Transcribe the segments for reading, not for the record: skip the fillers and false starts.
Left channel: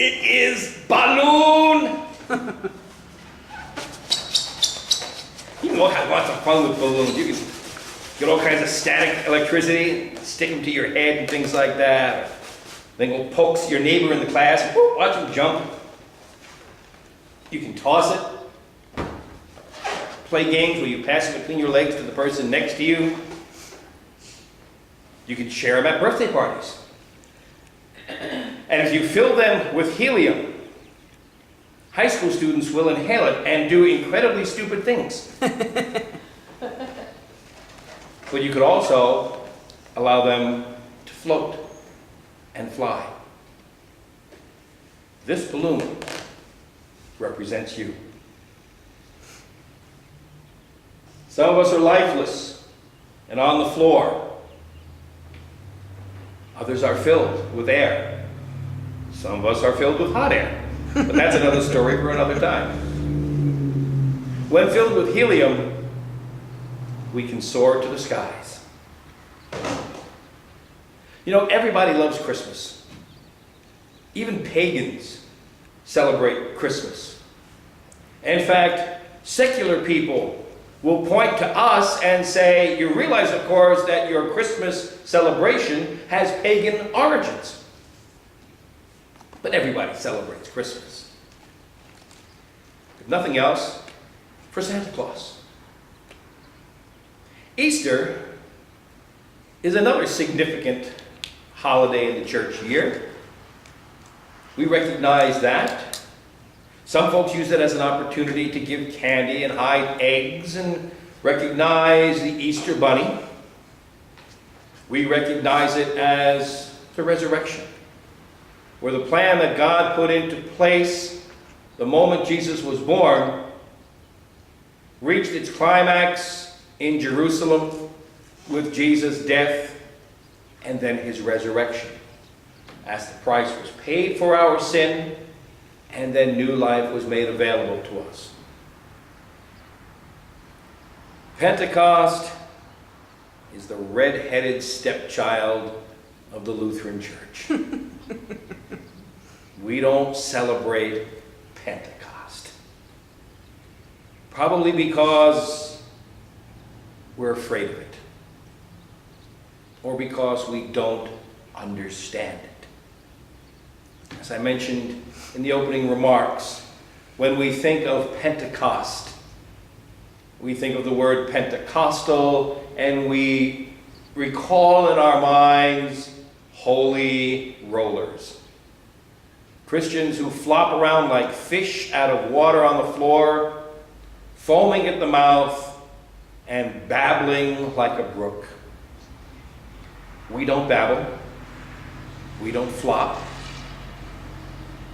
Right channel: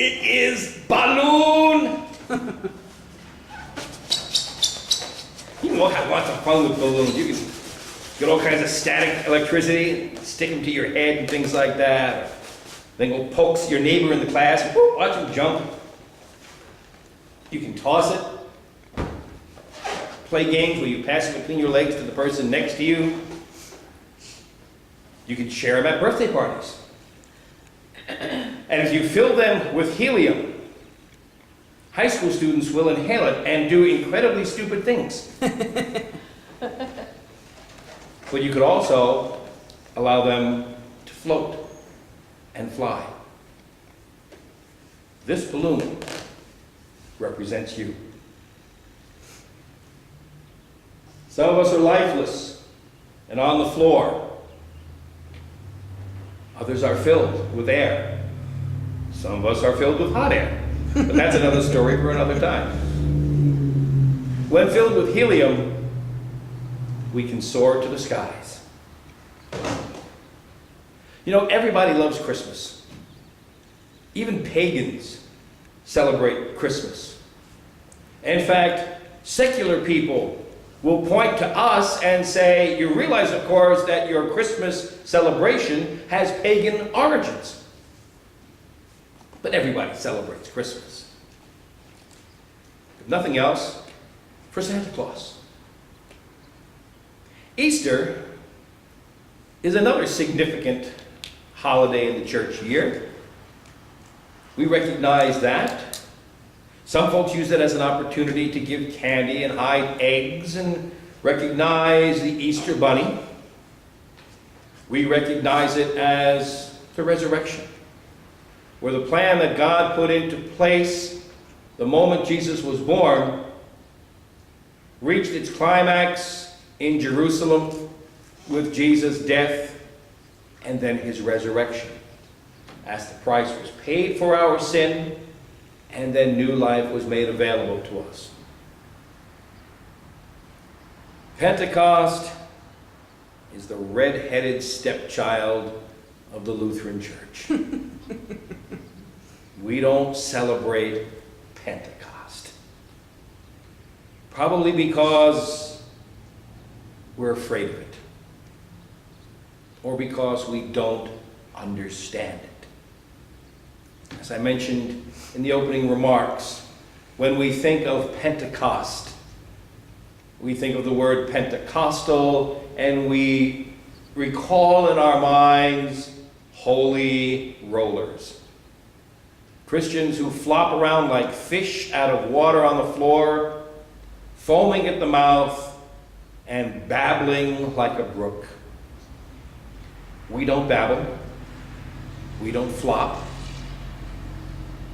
It is balloon! You can have lots of fun with balloons. You can get all kinds of static electricity, stick them to your head and things like that. Then go poke your neighbor in the class and whoop, watch him jump. You can toss it. Play games where you pass it between your legs to the person next to you. You can share them at birthday parties. And if you fill them with helium, high school students will inhale it and do incredibly stupid things. But you could also allow them to float and fly. This balloon represents you. Some of us are lifeless and on the floor. Others are filled with air. Some of us are filled with hot air. But that's another story for another time. When filled with helium, we can soar to the skies. You know, everybody loves Christmas. Even pagans celebrate Christmas. In fact, secular people will point to us and say, you realize, of course, that your Christmas celebration has pagan origins. But everybody celebrates Christmas. If nothing else, for Santa Claus. Easter is another significant holiday in the church year. We recognize that. Some folks use it as an opportunity to give candy and hide eggs and recognize the Easter bunny. We recognize it as the resurrection, where the plan that God put into place the moment Jesus was born reached its climax in Jerusalem with Jesus' death and then his resurrection, as the price was paid for our sin and then new life was made available to us. Pentecost is the red-headed stepchild of the Lutheran Church. We don't celebrate Pentecost. Probably because we're afraid of it. Or because we don't understand it. As I mentioned in the opening remarks, when we think of Pentecost, we think of the word Pentecostal, and we recall in our minds holy rollers. Christians who flop around like fish out of water on the floor, foaming at the mouth, and babbling like a brook. We don't babble. We don't flop.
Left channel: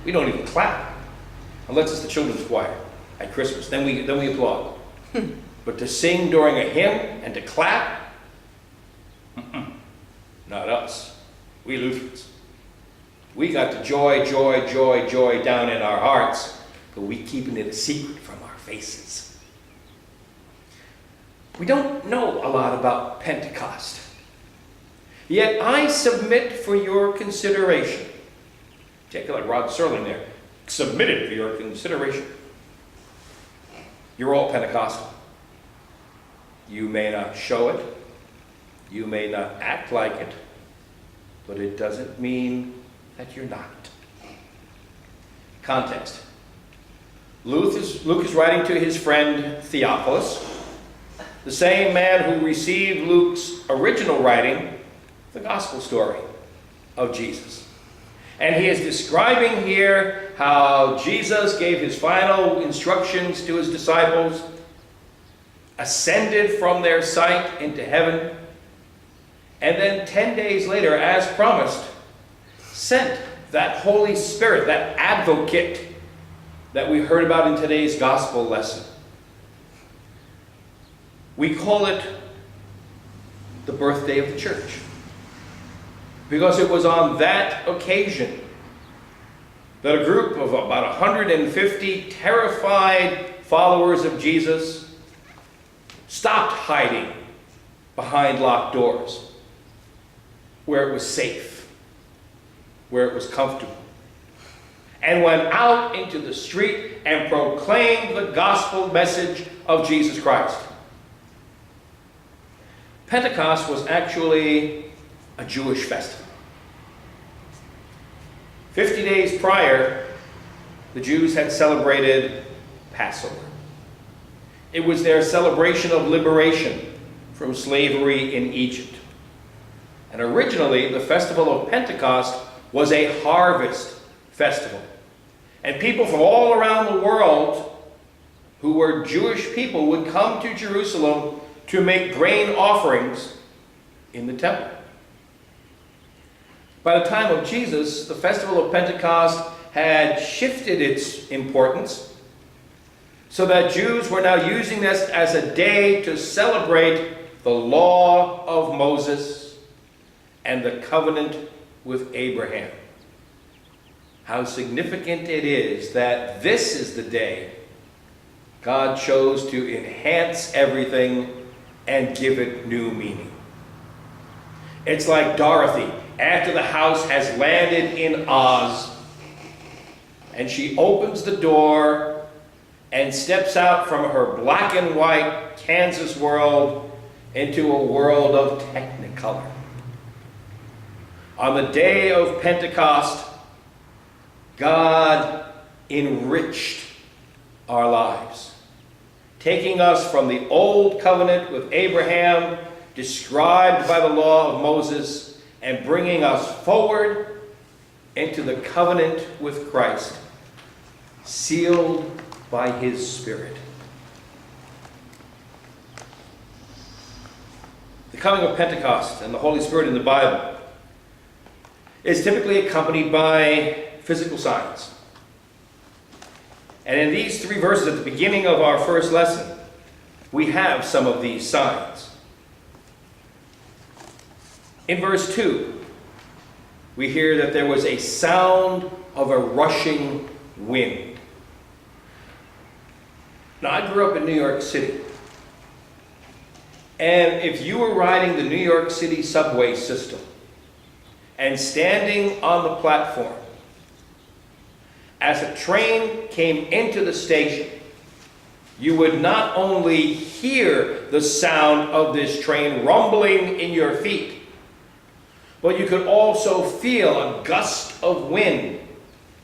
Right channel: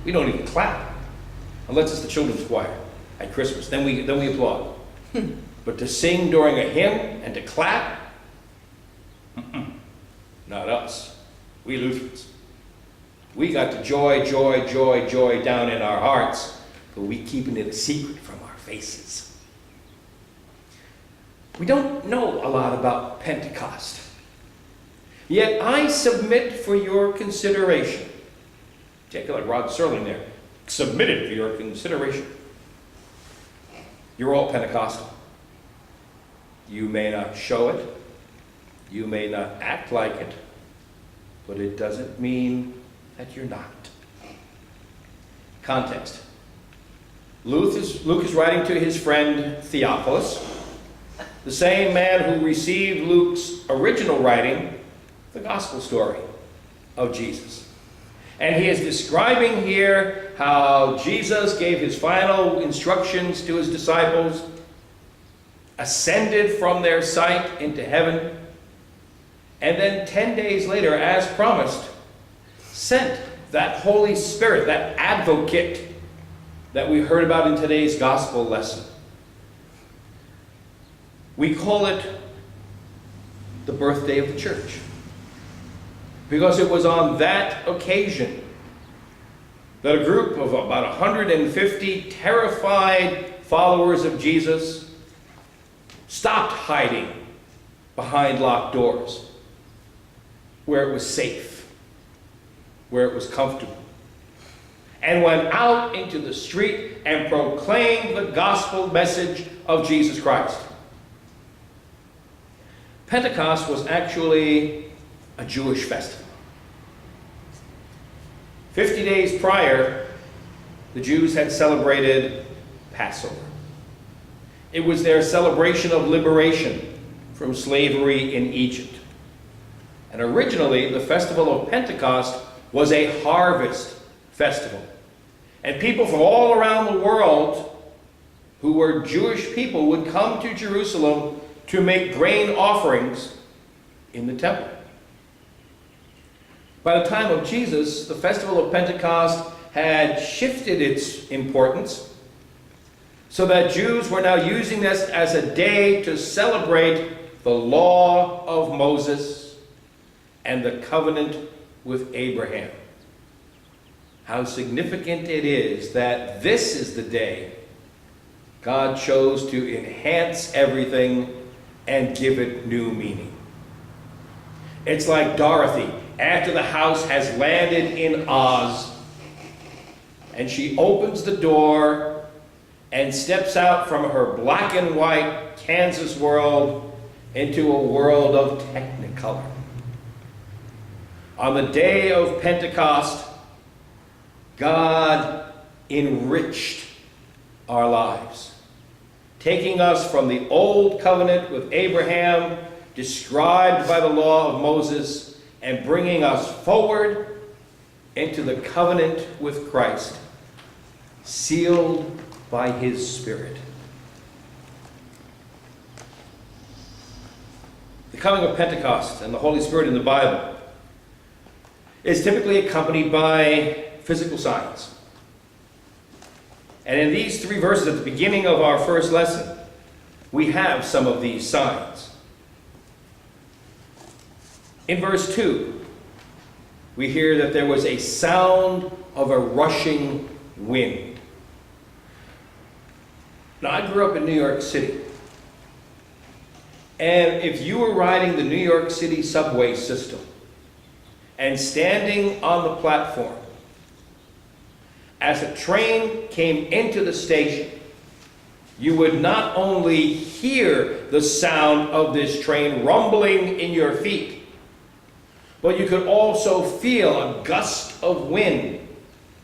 We don't even clap, unless it's the children's choir at Christmas. Then we applaud. But to sing during a hymn and to clap, not us. We Lutherans. We got the joy, joy, joy, joy down in our hearts, but we keeping it a secret from our faces. We don't know a lot about Pentecost. Yet I submit for your consideration. Take it like Rod Serling there. Submitted for your consideration. You're all Pentecostal. You may not show it. You may not act like it. But it doesn't mean that you're not. Context. Luke is writing to his friend Theophilus, the same man who received Luke's original writing, the gospel story of Jesus. And he is describing here how Jesus gave his final instructions to his disciples, ascended from their sight into heaven, and then 10 days later, as promised, sent that Holy Spirit, that advocate that we heard about in today's gospel lesson. We call it the birthday of the church, because it was on that occasion that a group of about 150 terrified followers of Jesus stopped hiding behind locked doors, where it was safe, where it was comfortable, and went out into the street and proclaimed the gospel message of Jesus Christ. Pentecost was actually a Jewish festival. 50 days prior, the Jews had celebrated Passover. It was their celebration of liberation from slavery in Egypt. And originally, the festival of Pentecost was a harvest festival. And people from all around the world who were Jewish people would come to Jerusalem to make grain offerings in the temple. By the time of Jesus, the festival of Pentecost had shifted its importance so that Jews were now using this as a day to celebrate the law of Moses and the covenant with Abraham. How significant it is that this is the day God chose to enhance everything and give it new meaning. It's like Dorothy, after the house has landed in Oz, and she opens the door and steps out from her black and white Kansas world into a world of Technicolor. On the day of Pentecost, God enriched our lives, taking us from the old covenant with Abraham, described by the law of Moses, and bringing us forward into the covenant with Christ, sealed by his Spirit. The coming of Pentecost and the Holy Spirit in the Bible is typically accompanied by physical signs. And in these 3 verses at the beginning of our first lesson, we have some of these signs. In verse 2, we hear that there was a sound of a rushing wind. Now, I grew up in New York City. And if you were riding the New York City subway system and standing on the platform, as a train came into the station, you would not only hear the sound of this train rumbling in your feet, but you could also feel a gust of wind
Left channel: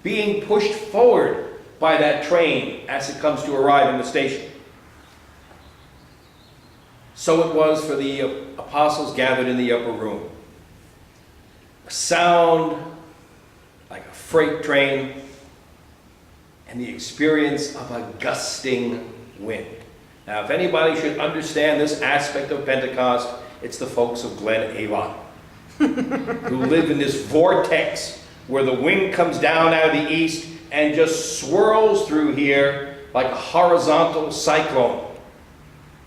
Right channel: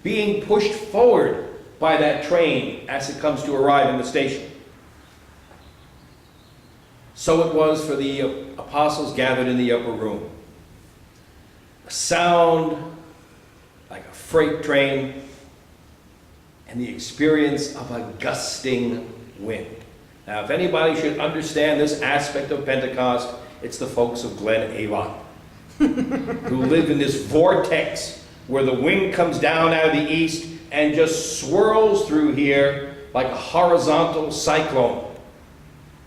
being pushed forward by that train as it comes to arrive in the station. So it was for the apostles gathered in the upper room. A sound like a freight train, and the experience of a gusting wind. Now, if anybody should understand this aspect of Pentecost, it's the folks of Glen, Avon, who live in this vortex where the wind comes down out of the east and just swirls through here like a horizontal cyclone,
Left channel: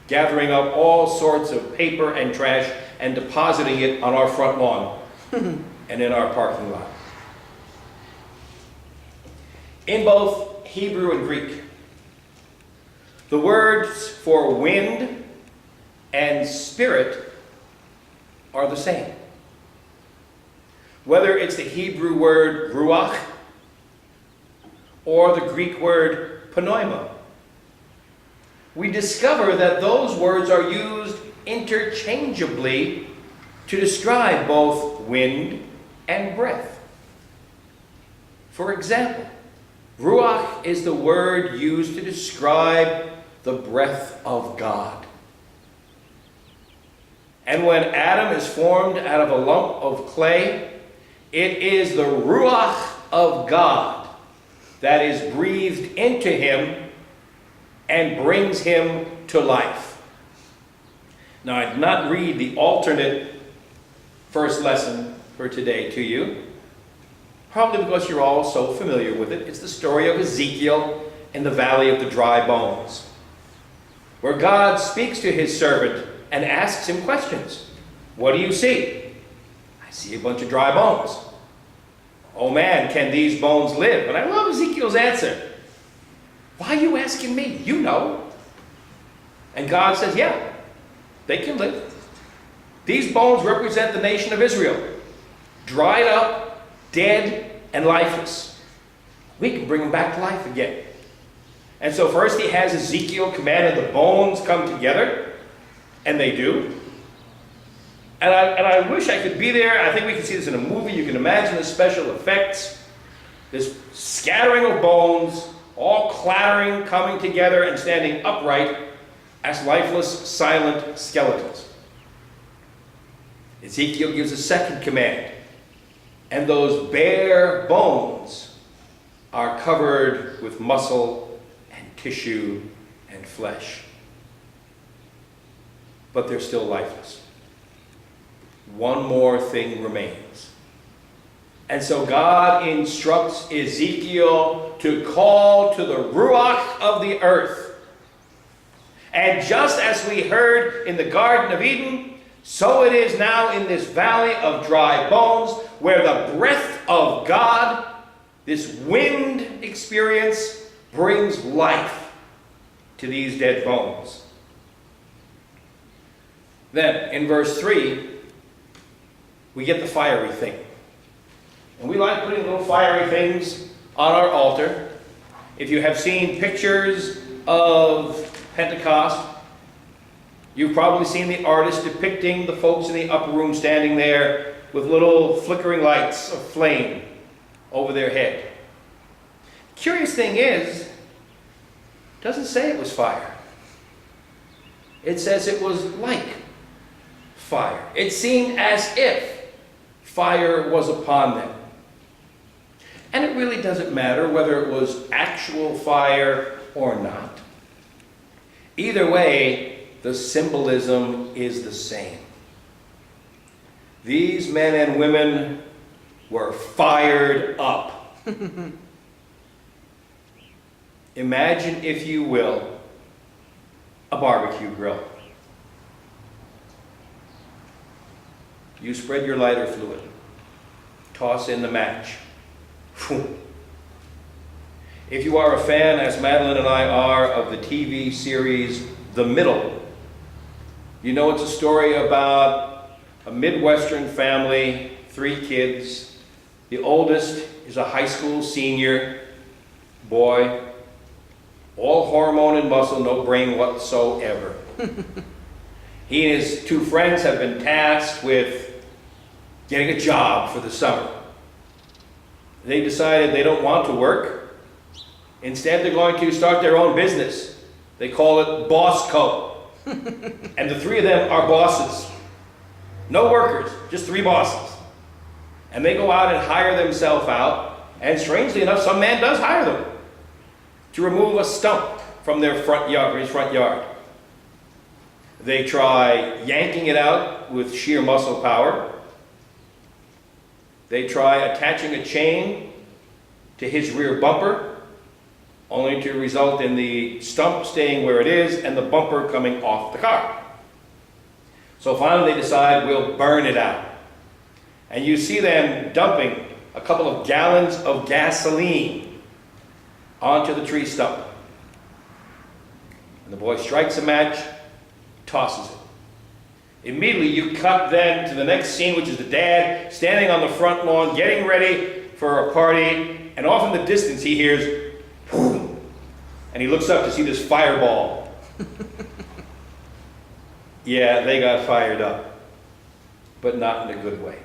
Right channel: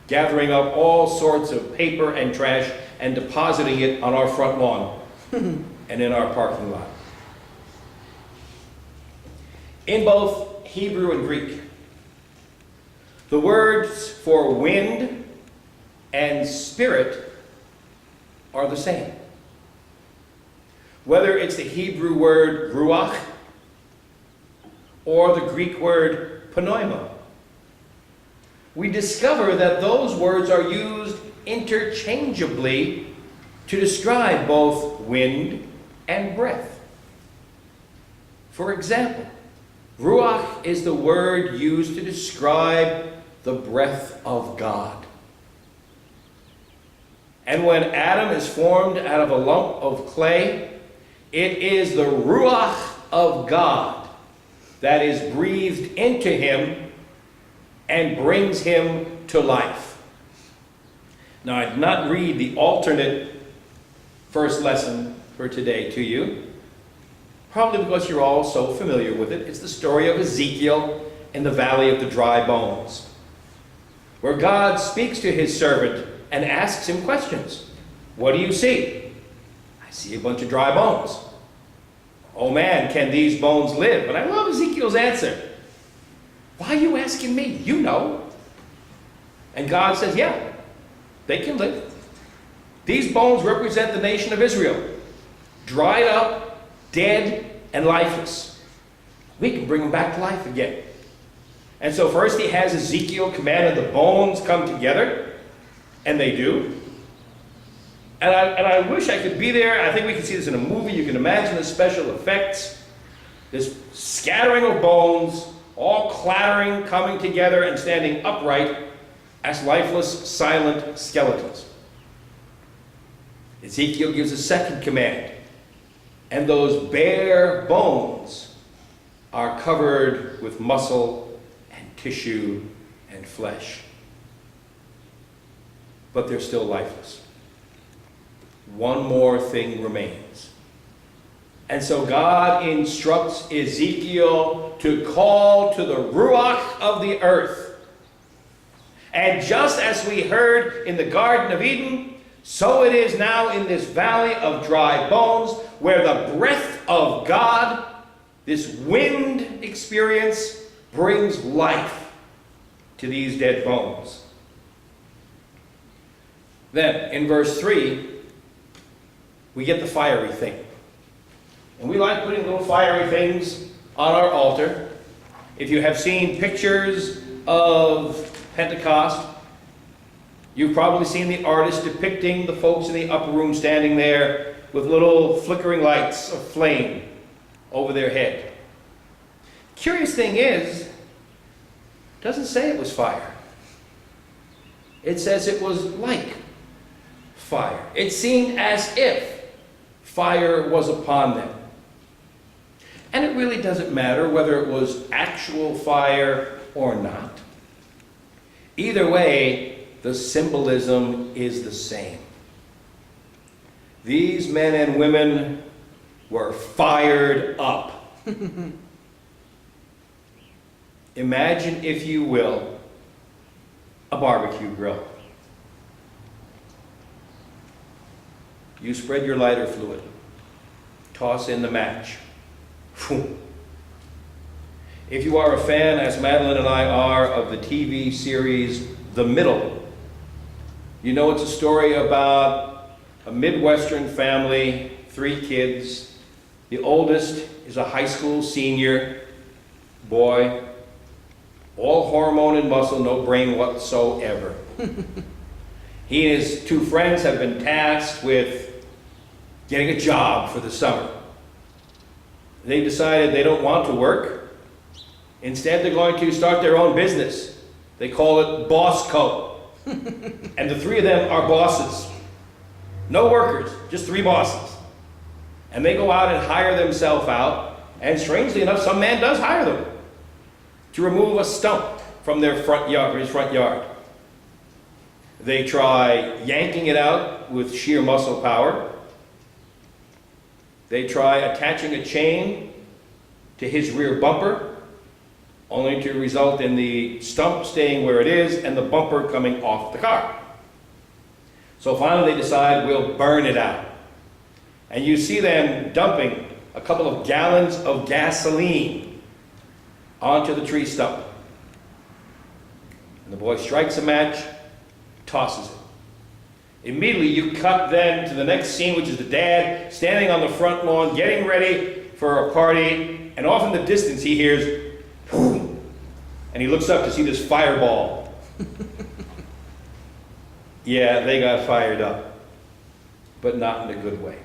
gathering up all sorts of paper and trash and depositing it on our front lawn and in our parking lot. In both Hebrew and Greek, the words for wind and spirit are the same. Whether it's the Hebrew word ruach or the Greek word pneuma, we discover that those words are used interchangeably to describe both wind and breath. For example, ruach is the word used to describe the breath of God. And when Adam is formed out of a lump of clay, it is the ruach of God that is breathed into him and brings him to life. Now, I did not read the alternate first lesson for today to you, probably because you're all so familiar with it. It's the story of Ezekiel in the valley of the dry bones, where God speaks to his servant and asks him questions. What do you see? I see a bunch of dry bones. Oh man, can these bones live? And I love Ezekiel's answer. Why are you asking me? You know. And God says, yeah, they can live. These bones represent the nation of Israel, dried up, dead, and lifeless. we can bring them back to life again. And so first he has Ezekiel commanded the bones come together, and they do. And I wish I could be there. I think we can see this in a movie. You can imagine the special effects. This scattering of bones, all clattering, coming together, and standing upright as lifeless, silent skeletons. Ezekiel gives a second command, and those bare bones are covered with muscle and tissue and flesh. But they're still lifeless. One more thing remains. And so God instructs Ezekiel to call to the Ruach of the earth. And just as we heard in the Garden of Eden, so it is now in this valley of dry bones, where the breath of God, this wind experience, brings life to these dead bones. Then, in verse 3, we get the fiery thing. And we like putting little fiery things on our altar. If you have seen pictures of Pentecost, you've probably seen the artist depicting the folks in the upper room standing there with little flickering lights of flame over their head. Curious thing is, it doesn't say it was fire. It says it was like fire. It seemed as if fire was upon them. And it really doesn't matter whether it was actual fire or not. Either way, the symbolism is the same. These men and women were fired up. Imagine, if you will, a barbecue grill. You spread your lighter fluid, toss in the match. If you are a fan, as Madeline and I are, of the TV series The Middle, you know it's a story about a Midwestern family, 3 kids. The oldest is a high school senior boy, all hormone and muscle, no brain whatsoever. He and his 2 friends have been tasked with getting a job for the summer. They decided they don't want to work. Instead, they're going to start their own business. They call it Boss Co. And the 3 of them are bosses. No workers, just 3 bosses. And they go out and hire themselves out. And strangely enough, some man does hire them to remove a stump from their front yard, his front yard. They try yanking it out with sheer muscle power. They try attaching a chain to his rear bumper, only to result in the stump staying where it is and the bumper coming off the car. So finally they decide, we'll burn it out. And you see them dumping a couple of gallons of gasoline onto the tree stump. And the boy strikes a match, tosses it. Immediately you cut then to the next scene, which is the dad standing on the front lawn getting ready for a party, and off in the distance he hears boom, and he looks up to see this fireball. Yeah, they got fired up, but not in a good way.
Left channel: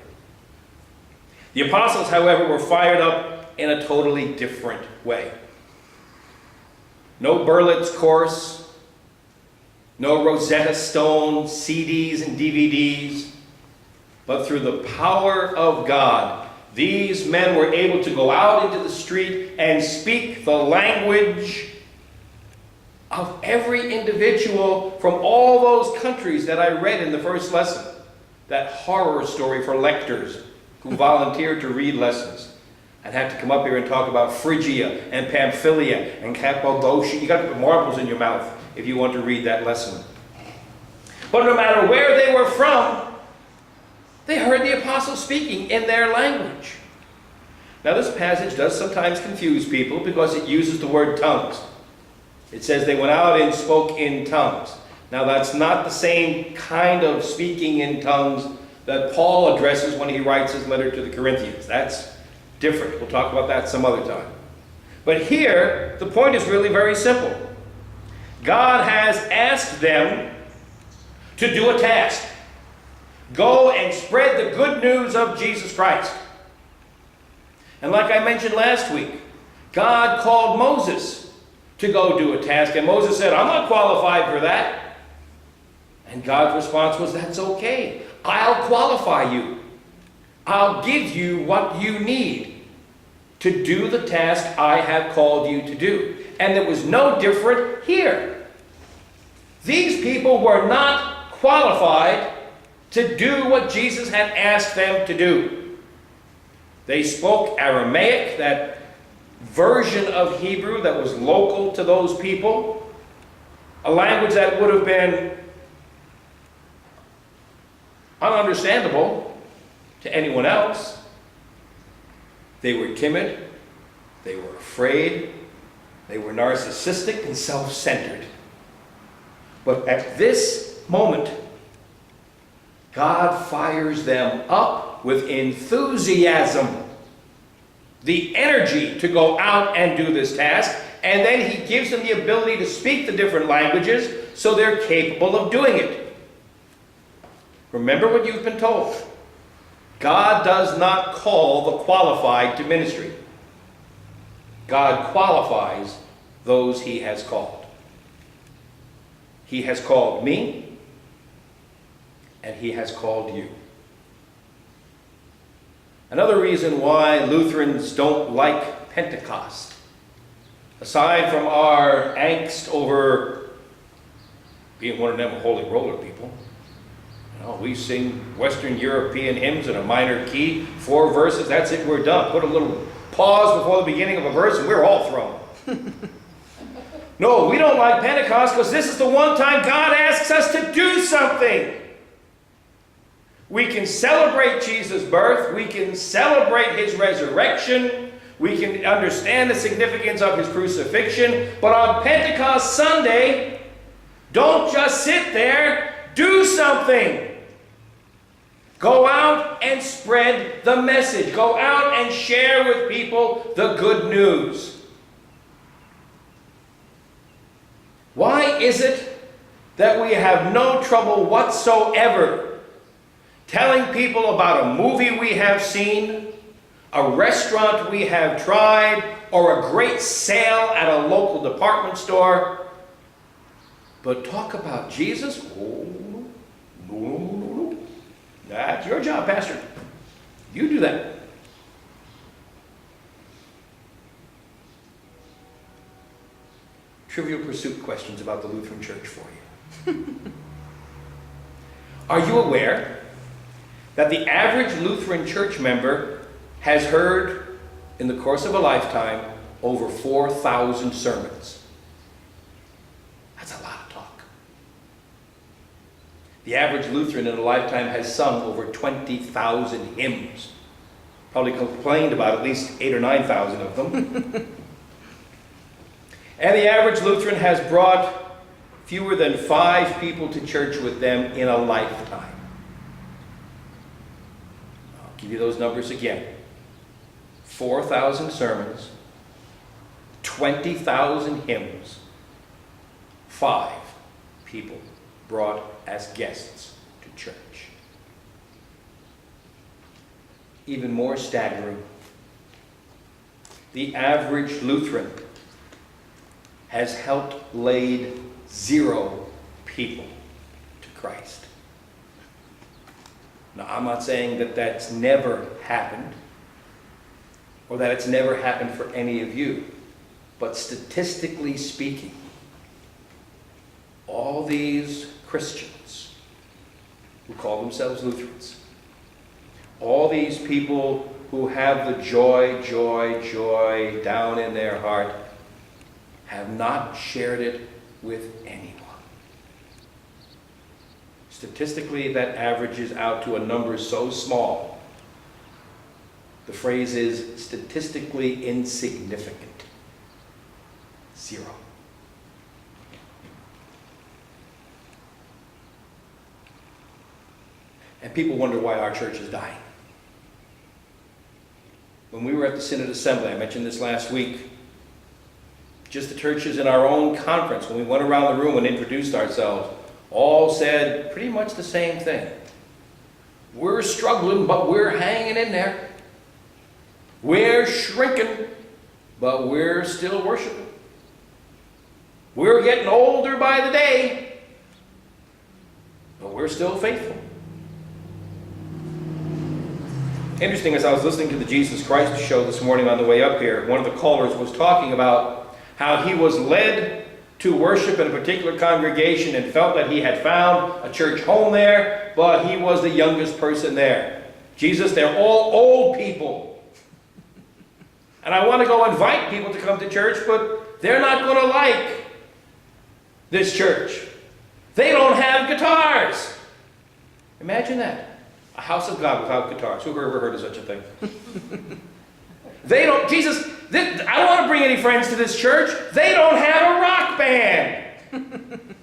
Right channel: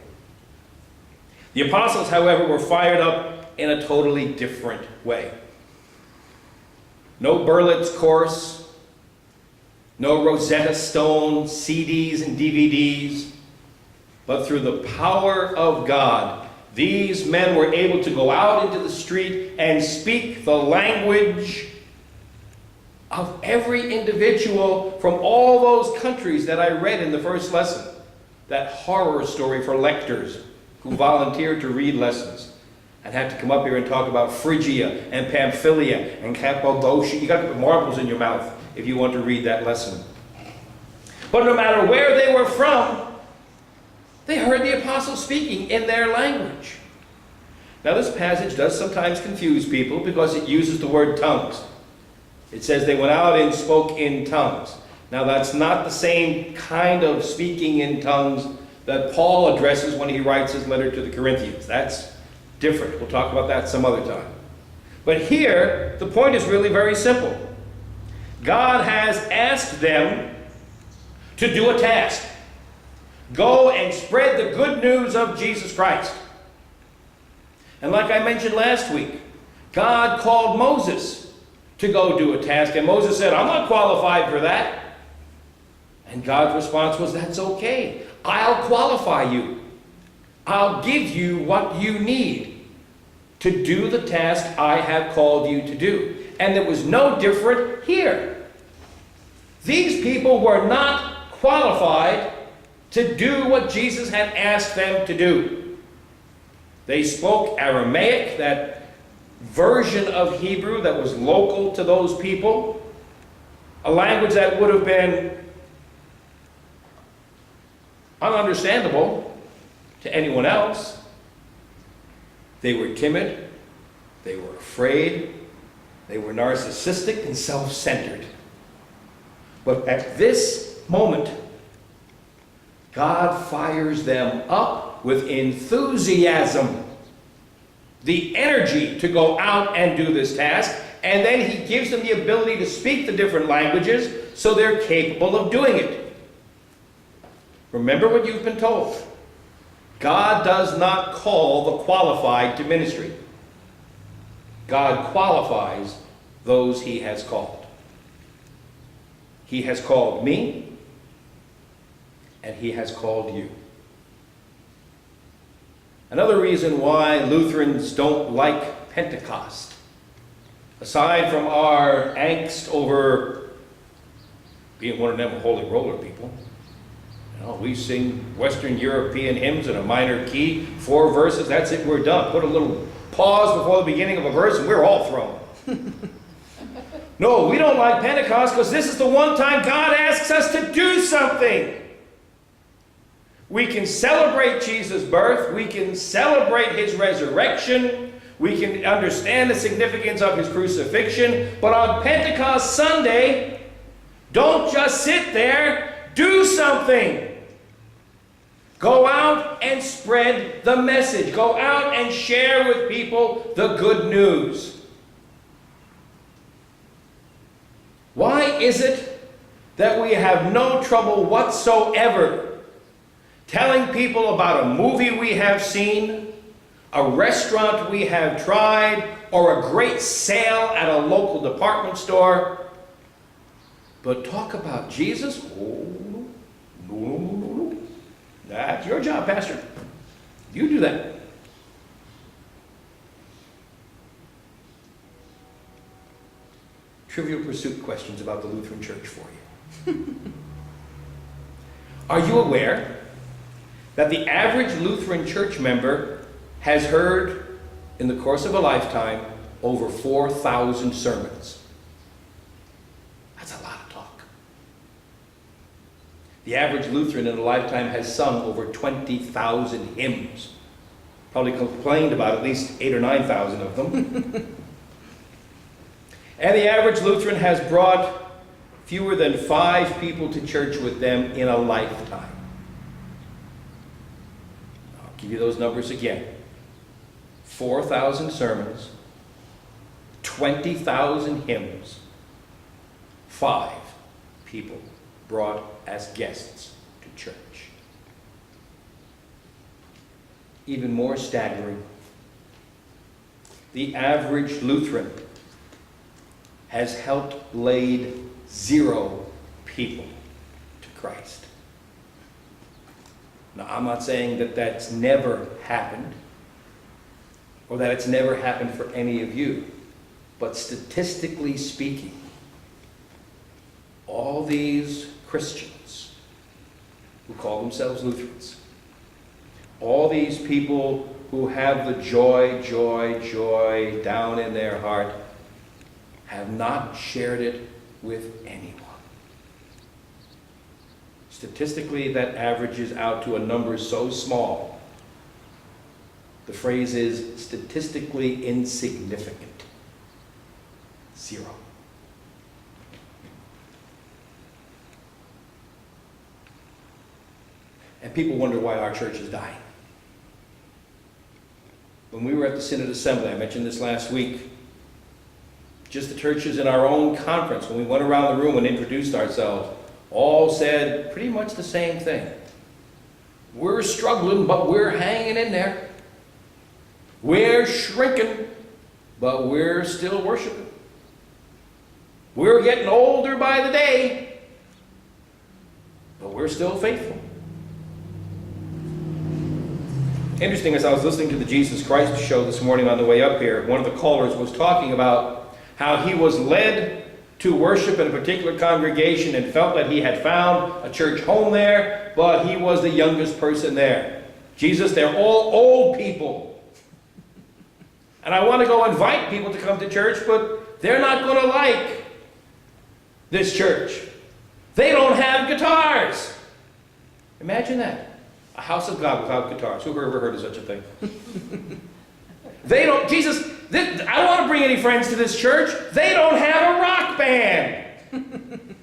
The apostles, however, were fired up in a totally different way. No Berlitz course, no Rosetta Stone CDs and DVDs, but through the power of God, these men were able to go out into the street and speak the language of every individual from all those countries that I read in the first lesson. That horror story for lectors who volunteered to read lessons and had to come up here and talk about Phrygia and Pamphylia and Cappadocia. You got to put marbles in your mouth if you want to read that lesson. But no matter where they were from, they heard the apostles speaking in their language. Now this passage does sometimes confuse people because it uses the word tongues. It says they went out and spoke in tongues. Now that's not the same kind of speaking in tongues that Paul addresses when he writes his letter to the Corinthians. That's different. We'll talk about that some other time. But here, the point is really very simple. God has asked them to do a task. Go and spread the good news of Jesus Christ. And like I mentioned last week, God called Moses to go do a task. And Moses said, I'm not qualified for that. And God's response was, that's okay. I'll qualify you. I'll give you what you need to do the task I have called you to do. And it was no different here. These people were not qualified to do what Jesus had asked them to do. They spoke Aramaic, that version of Hebrew that was local to those people, a language that would have been ununderstandable to anyone else. They were timid, they were afraid, they were narcissistic and self-centered. But at this moment, God fires them up with enthusiasm, the energy to go out and do this task, and then he gives them the ability to speak the different languages so they're capable of doing it. Remember what you've been told. God does not call the qualified to ministry. God qualifies those he has called. He has called me, and he has called you. Another reason why Lutherans don't like Pentecost, aside from our angst over being one of them holy roller people, we sing Western European hymns in a minor key, 4 verses, that's it, we're done. Put a little pause before the beginning of a verse and we're all thrown. No, we don't like Pentecost because this is the one time God asks us to do something. We can celebrate Jesus' birth. We can celebrate his resurrection. We can understand the significance of his crucifixion. But on Pentecost Sunday, don't just sit there. Do something. Go out and spread the message. Go out and share with people the good news. Why is it that we have no trouble whatsoever telling people about a movie we have seen, a restaurant we have tried, or a great sale at a local department store? But talk about Jesus? Oh, no. That's your job, Pastor. You do that. Trivial Pursuit questions about the Lutheran Church for you. Are you aware that the average Lutheran church member has heard, in the course of a lifetime, over 4,000 sermons? That's a lot of talk. The average Lutheran in a lifetime has sung over 20,000 hymns. Probably complained about at least 8,000 or 9,000 of them. And the average Lutheran has brought fewer than 5 people to church with them in a lifetime. I'll give you those numbers again. 4,000 sermons, 20,000 hymns, 5 people brought as guests to church. Even more staggering, the average Lutheran has helped lead 0 people to Christ. Now, I'm not saying that that's never happened, or that it's never happened for any of you, but statistically speaking, all these Christians who call themselves Lutherans, all these people who have the joy down in their heart, have not shared it with anyone. Statistically, that averages out to a number so small. The phrase is statistically insignificant. 0. And people wonder why our church is dying. When we were at the Synod Assembly, I mentioned this last week, Just the churches in our own conference, when we went around the room and introduced ourselves, all said pretty much the same thing. We're struggling, but we're hanging in there. We're shrinking, but we're still worshiping. We're getting older by the day, but we're still faithful. Interesting, as I was listening to the Jesus Christ show this morning on the way up here, one of the callers was talking about how he was led to worship in a particular congregation and felt that he had found a church home there, but he was the youngest person there. Jesus, they're all old people. And I want to go invite people to come to church, but they're not going to like this church. They don't have guitars. Imagine that. A house of God without guitars. Who ever heard of such a thing? They don't, Jesus, I don't want to bring any friends to this church. They don't have a rock band.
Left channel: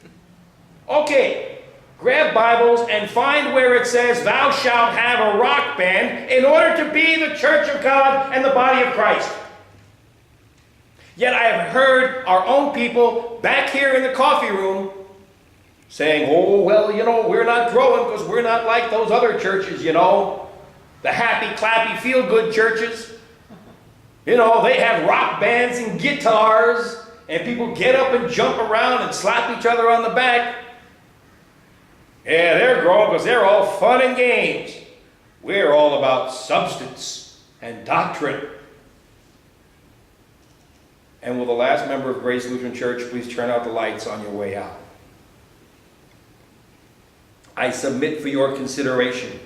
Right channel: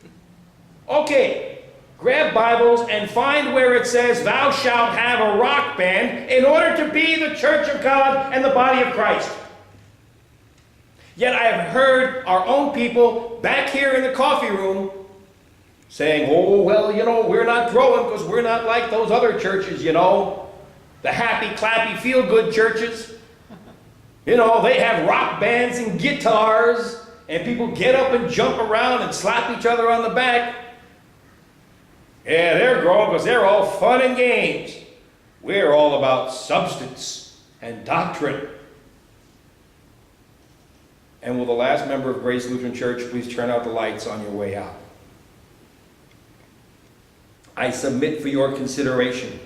Okay, grab Bibles and find where it says, thou shalt have a rock band in order to be the church of God and the body of Christ. Yet I have heard our own people back here in the coffee room saying, oh, well, you know, we're not growing because we're not like those other churches, you know. The happy, clappy, feel-good churches. You know, they have rock bands and guitars, and people get up and jump around and slap each other on the back. Yeah, they're growing because they're all fun and games. We're all about substance and doctrine. And will the last member of Grace Lutheran Church please turn out the lights on your way out? I submit for your consideration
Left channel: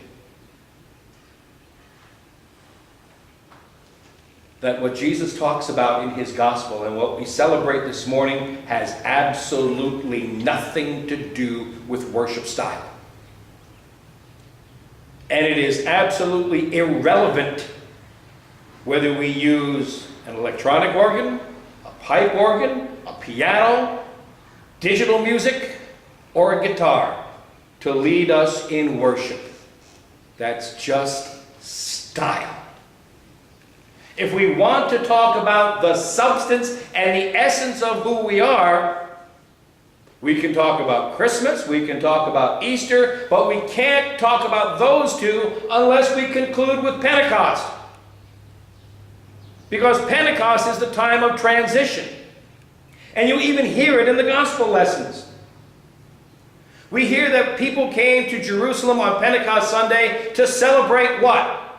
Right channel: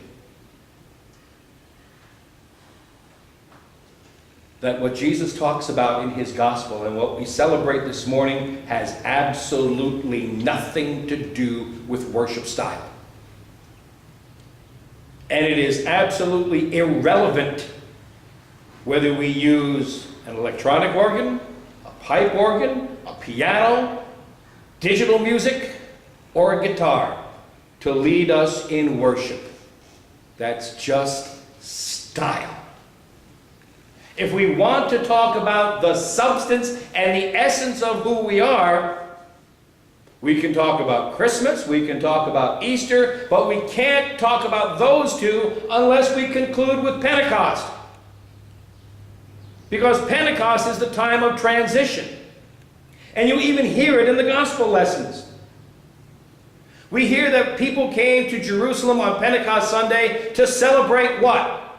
that what Jesus talks about in his gospel and what we celebrate this morning has absolutely nothing to do with worship style. And it is absolutely irrelevant whether we use an electronic organ, a pipe organ, a piano, digital music, or a guitar to lead us in worship. That's just style. If we want to talk about the substance and the essence of who we are, we can talk about Christmas, we can talk about Easter, but we can't talk about those two unless we conclude with Pentecost. Because Pentecost is the time of transition. And you even hear it in the gospel lessons. We hear that people came to Jerusalem on Pentecost Sunday to celebrate what?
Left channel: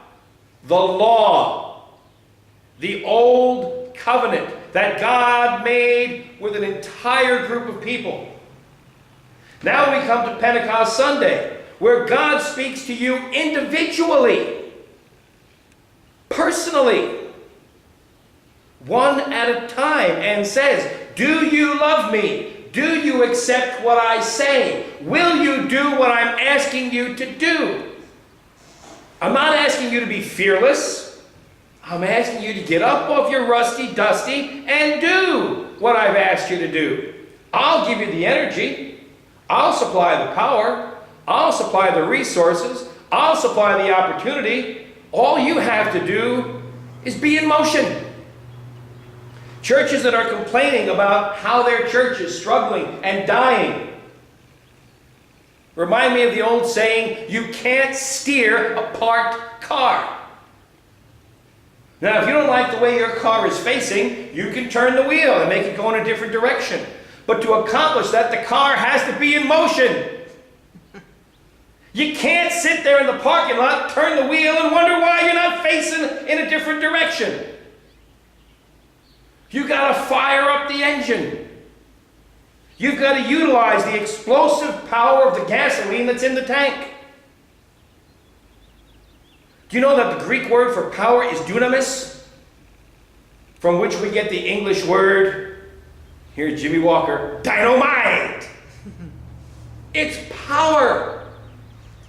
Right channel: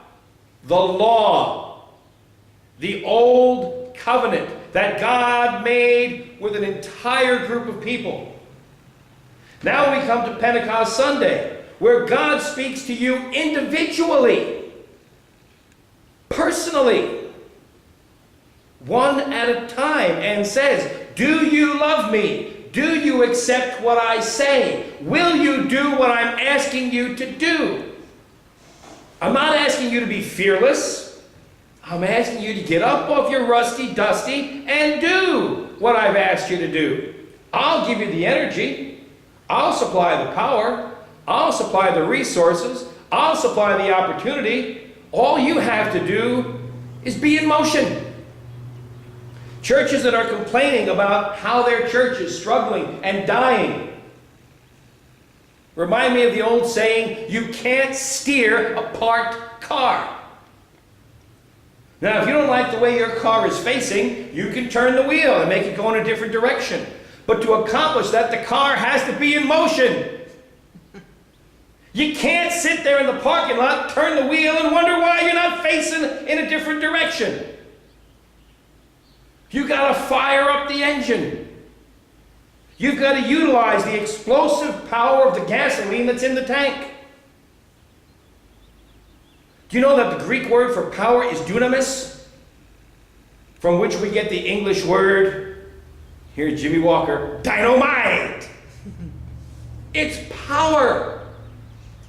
The law. The old covenant that God made with an entire group of people. Now we come to Pentecost Sunday, where God speaks to you individually, personally, one at a time, and says, do you love me? Do you accept what I say? Will you do what I'm asking you to do? I'm not asking you to be fearless. I'm asking you to get up off your rusty dusty and do what I've asked you to do. I'll give you the energy. I'll supply the power. I'll supply the resources. I'll supply the opportunity. All you have to do is be in motion. Churches that are complaining about how their church is struggling and dying remind me of the old saying, you can't steer a parked car. Now, if you don't like the way your car is facing, you can turn the wheel and make it go in a different direction. But to accomplish that, the car has to be in motion. You can't sit there in the parking lot, turn the wheel, and wonder why you're not facing in a different direction. You've got to fire up the engine. You've got to utilize the explosive power of the gasoline that's in the tank. Do you know that the Greek word for power is dunamis? From which we get the English word, here's Jimmy Walker, dynamite. It's power.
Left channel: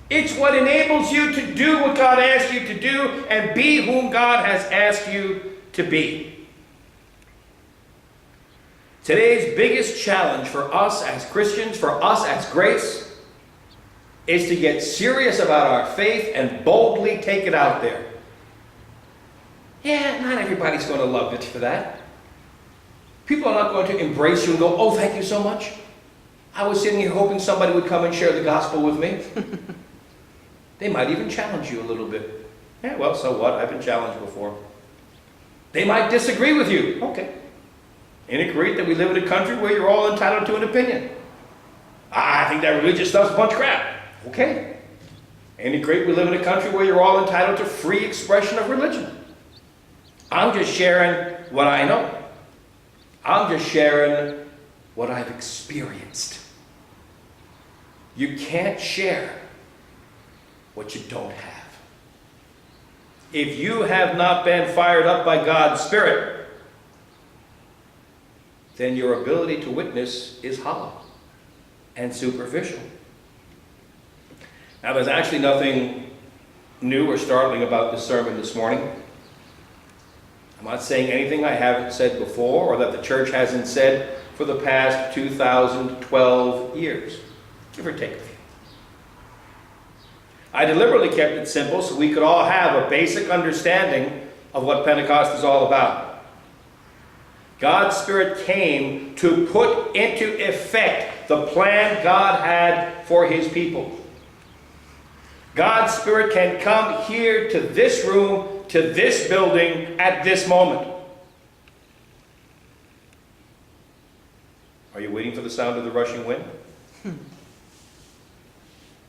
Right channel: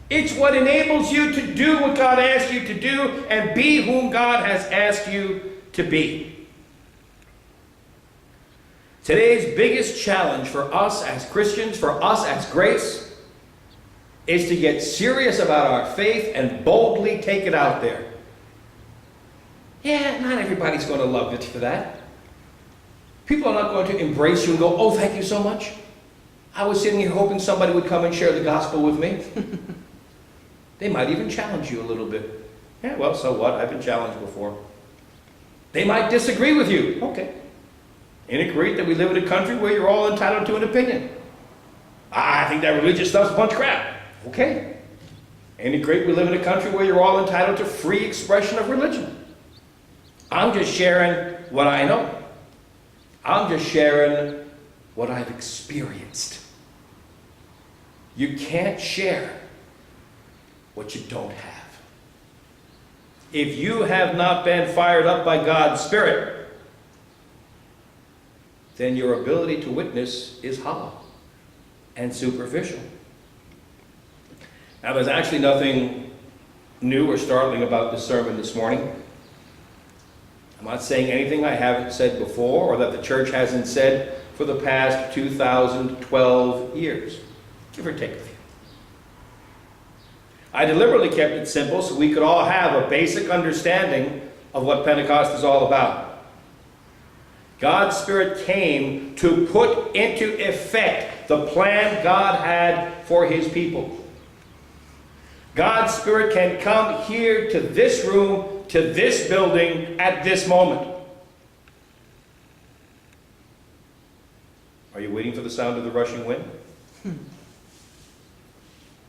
It's what enables you to do what God asked you to do and be whom God has asked you to be. Today's biggest challenge for us as Christians, for us as Grace, is to get serious about our faith and boldly take it out there. Yeah, not everybody's going to love it for that. People are not going to embrace you and go, oh, thank you so much. I was sitting here hoping somebody would come and share the gospel with me. They might even challenge you a little bit. Yeah, well, so what? I've been challenged before. They might disagree with you. Okay. Ain't it great that we live in a country where you're all entitled to an opinion? I think that religious stuff's a bunch of crap. Okay. Ain't it great we live in a country where you're all entitled to free expression of religion? I'm just sharing what I know. I'm just sharing what I've experienced. You can't share what you don't have. If you have not been fired up by God's Spirit, then your ability to witness is hollow and superficial. Now, there's actually nothing new or startling about this sermon this morning. I'm not saying anything I haven't said before or that the church hasn't said for the past 2012 years, give or take a few. I deliberately kept it simple so we could all have a basic understanding of what Pentecost is all about. God's Spirit came to put into effect the plan God had for His people. God's Spirit can come here to this room, to this building at this moment. Are you waiting for the sound of the rushing wind?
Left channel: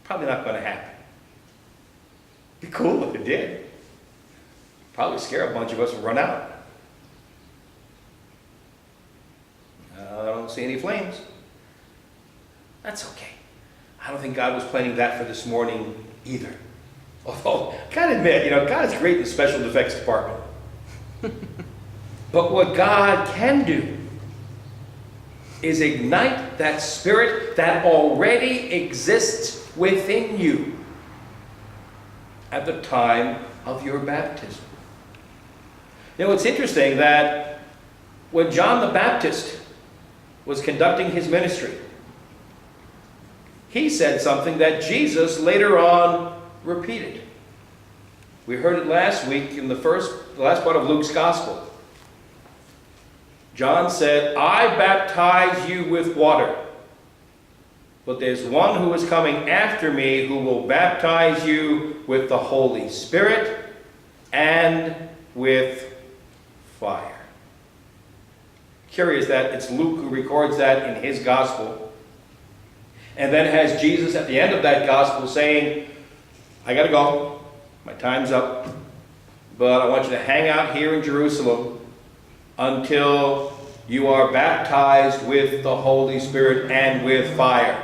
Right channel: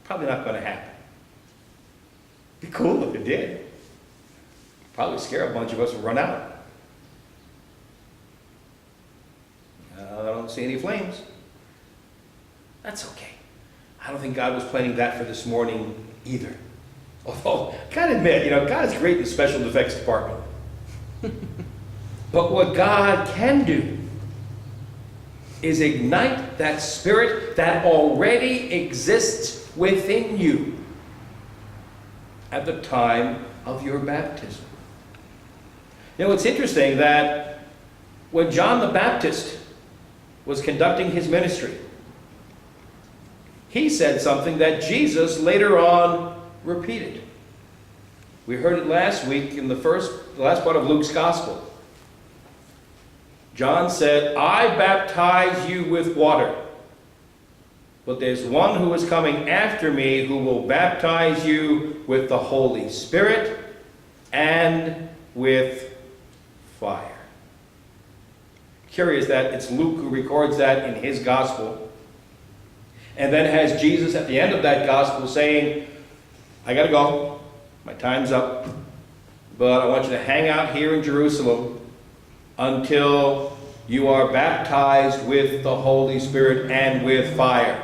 Probably not going to happen. Be cool if it did. Probably scare a bunch of us and run out. I don't see any flames. That's okay. I don't think God was planning that for this morning either. Although, I gotta admit, God is great in the special effects department. But what God can do is ignite that spirit that already exists within you at the time of your baptism. It's interesting that when John the Baptist was conducting his ministry, he said something that Jesus later on repeated. We heard it last week in the last part of Luke's Gospel. John said, I baptize you with water, but there's one who is coming after me who will baptize you with the Holy Spirit and with fire. Curious that it's Luke who records that in his Gospel, and then has Jesus at the end of that Gospel saying, I gotta go, my time's up, but I want you to hang out here in Jerusalem until you are baptized with the Holy Spirit and with fire.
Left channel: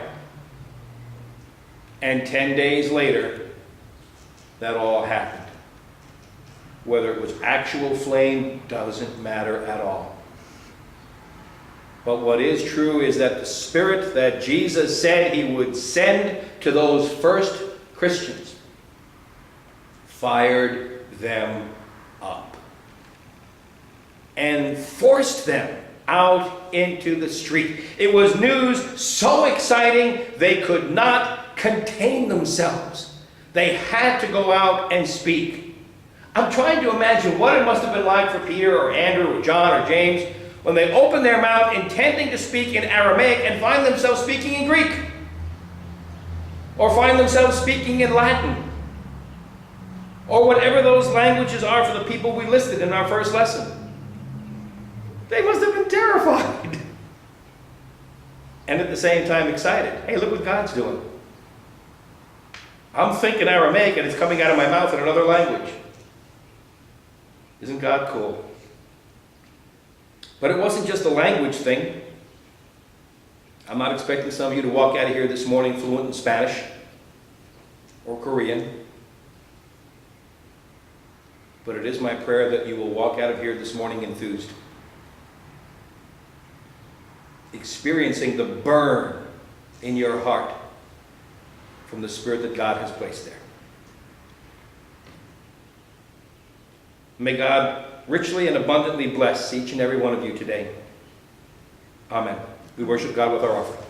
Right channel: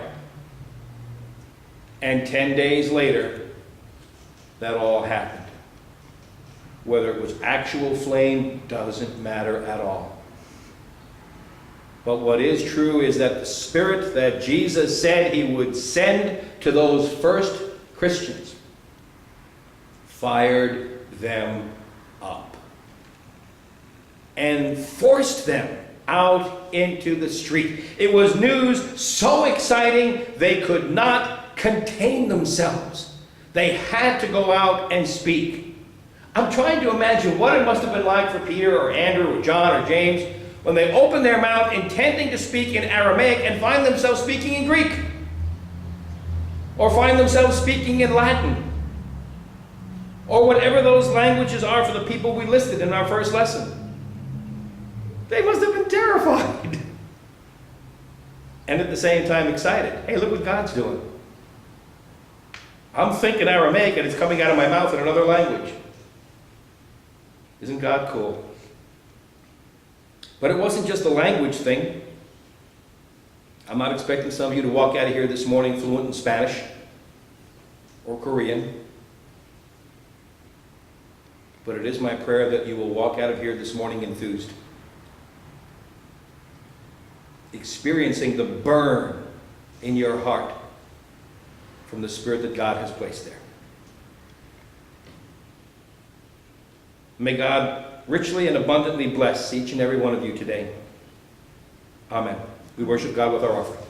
And 10 days later, that all happened. Whether it was actual flame doesn't matter at all. But what is true is that the Spirit that Jesus said He would send to those first Christians fired them up and forced them out into the street. It was news so exciting they could not contain themselves. They had to go out and speak. I'm trying to imagine what it must have been like for Peter or Andrew or John or James when they opened their mouth intending to speak in Aramaic and find themselves speaking in Greek, or find themselves speaking in Latin, or whatever those languages are for the people we listed in our first lesson. They must have been terrified. And at the same time excited. Hey, look what God's doing. I'm thinking Aramaic and it's coming out of my mouth in another language. Isn't God cool? But it wasn't just a language thing. I'm not expecting some of you to walk out of here this morning fluent in Spanish or Korean. But it is my prayer that you will walk out of here this morning enthused, experiencing the burn in your heart from the Spirit that God has placed there. May God richly and abundantly bless each and every one of you today. Amen. We worship God with our offering.